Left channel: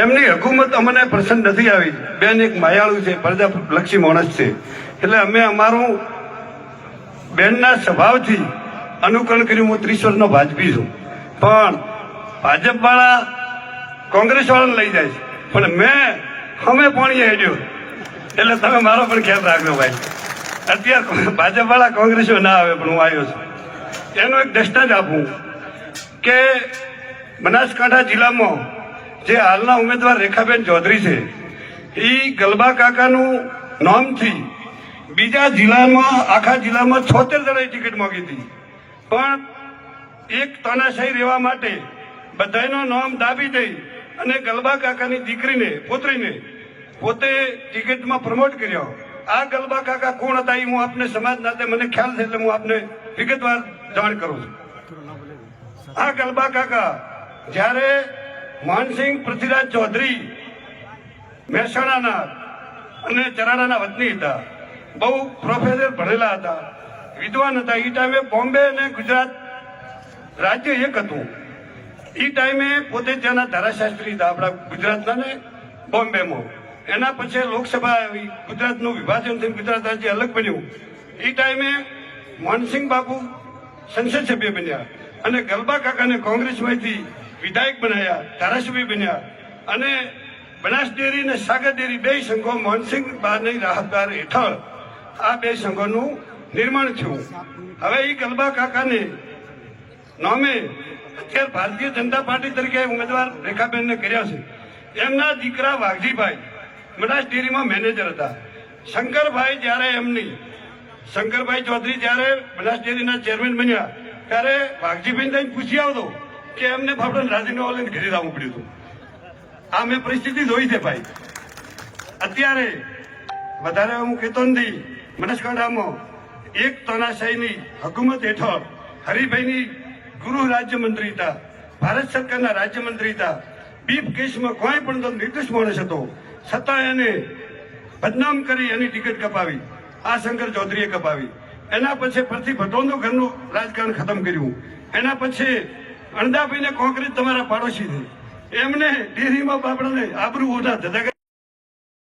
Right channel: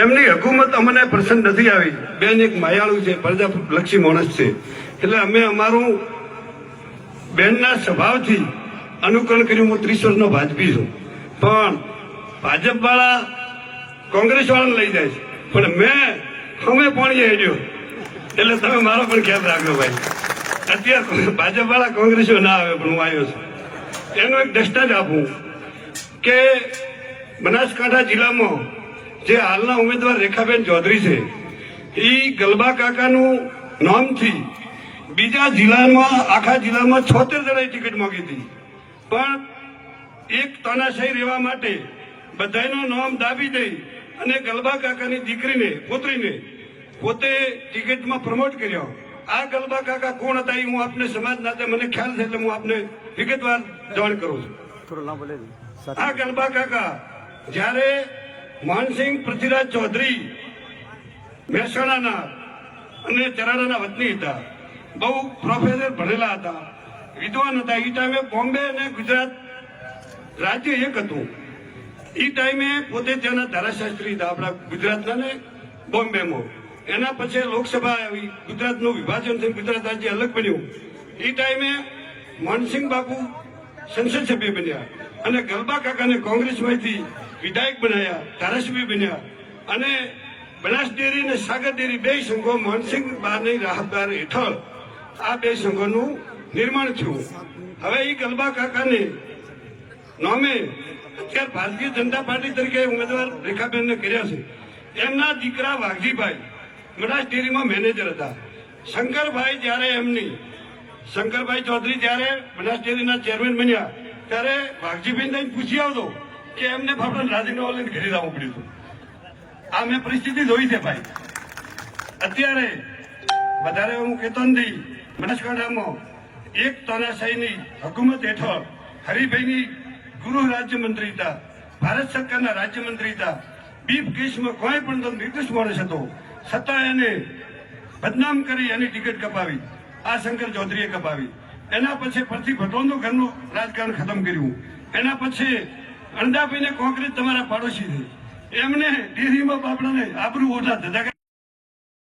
એમની હકુમત અમને પસંદ નથી આવી. બેન એક માયાળુ છે પ્રજાલક્ષી માણસ છે. એટલે અમે અમારું બેનના સ્વભાવથી અનુકરણ કર્યું, હું ત્રીસ વર્ષનો ભાજપી છું. પણ ભાજપ વાળા કોંગ્રેસ વાળાને લઈ જાય છે. પણ મેં, અમે પણ હેડ્યો. એટલે તમે મારો પણ ખ્યાલ રાખજો ભાઈ. અત્યારે ભાજપ વાળા કોંગ્રેસો ના આવે, પણ હું આવ્યો છું. એનો એક દસ્તાજ આપું કે બનાસકાંઠા જિલ્લામાં જે હાલના ઉમેદવાર રેખાબેન ચૌધરી છે એ ગલબા કાકાનું નામથી બીજા જિલ્લામાં આખા જિલ્લામાં છોતેર જણાએ ટિકિટ માંગી હતી. પણ એક તાનાશાહી રહેવા માટે બધાનો નામ દાબી દઈ અને ગલબા કાકાની દીકરીને પુત્રીને પોતે ટિકિટમાં પ્રમોટ કર્યો. આ ગલબા કાકા કોણ હતા એ હું આપને સમાજ નાતે મને ખ્યાલ છે એટલે હું આપને વિગતવાર જાણ કરું. છું આ ગલબા કાકા જ્યારે મોહનસિંહ પૃથ્વીરાજ ચૌધરી, મહેસાણાના અને ચરાણાના વતની હતા. બહુ પ્રોફેસર ભણેલા હતા. વિદ્વાન હતા. એ ટાઈમે બોમ્બે અને ગુજરાત રાજ્ય એક હતું. એ ટાઈમે પોતે ત્યાંના ધારાશાસ્ત્રી હતા. આપણા ગુજરાતના ને બોમ્બેમાં. એના પછી લોકસભા આવી. ગુજરાતનું વિભાજન થયું. ગુજરાત રાજ્ય અલગ બન્યું. એ ટાઈમે મોહનસિંહ બાપુ સંસદ સભ્ય બન્યા અને ગલબા કાકાને કોંગ્રેસમાંથી વિધાયક બનાવ્યા ધારાસભ્ય બન્યા. અને બનાસ ડેરી અને સાગર ડેરી બે સંઘો મોહનસિંહ બારની રાહતદાર હેઠળ આ બે સંઘોનું નિર્માણ થયું. હવે એ ગલબા કાકાને નામે અત્યારે ભારતીય જનતા પાર્ટી તરીકે ઉમેદવાર રેખાબેનને કર્યા છે. એમના દીકરા વાઘજીભાઈ, બનાસ ડેરીમાં મેનેજર હતા. શંકરભાઈ જ્યારે એમની શંકરભાઈ ચૌધરી જ્યારે બનાસ ડેરીના ચેરમેન બન્યા, ત્યારે વાઘજીભાઈને પૂછી આવતો કે એમને ફાફડા રાજીનામા લઈને ઘરે લાવવું પડ્યું હતું. આ મેં પરિસ્થિતિ જોઈ છે ભાઈ. અત્યારે વધારે હું કહેતો નથી, બનાસકાંઠામાં એક તાનાશાહીની હકુમત હેઠળ હરિભાઈની ગૃહ રાજ્યમંત્રી હતા, ભારત સરકારના રાજ્યમંત્રી હતા. બીફ કેસમાં કોઈ પણ તો નિર્દોષ માણસ હતો. છતાં એને બદનામ કરી એની ટિકિટ કપાવી. આ શંકર ચૌધરીએ કપાવી. એના પછી ફરતી ભટોનું ઘરનું રાજકારણ ખતમ કર્યું. એના પછી અણદાભાઈને કોંગ્રેસ તમારા પાડોશી છે. એમને ડેરીમાં બાપડાને આબરૂ ઓછા ધધા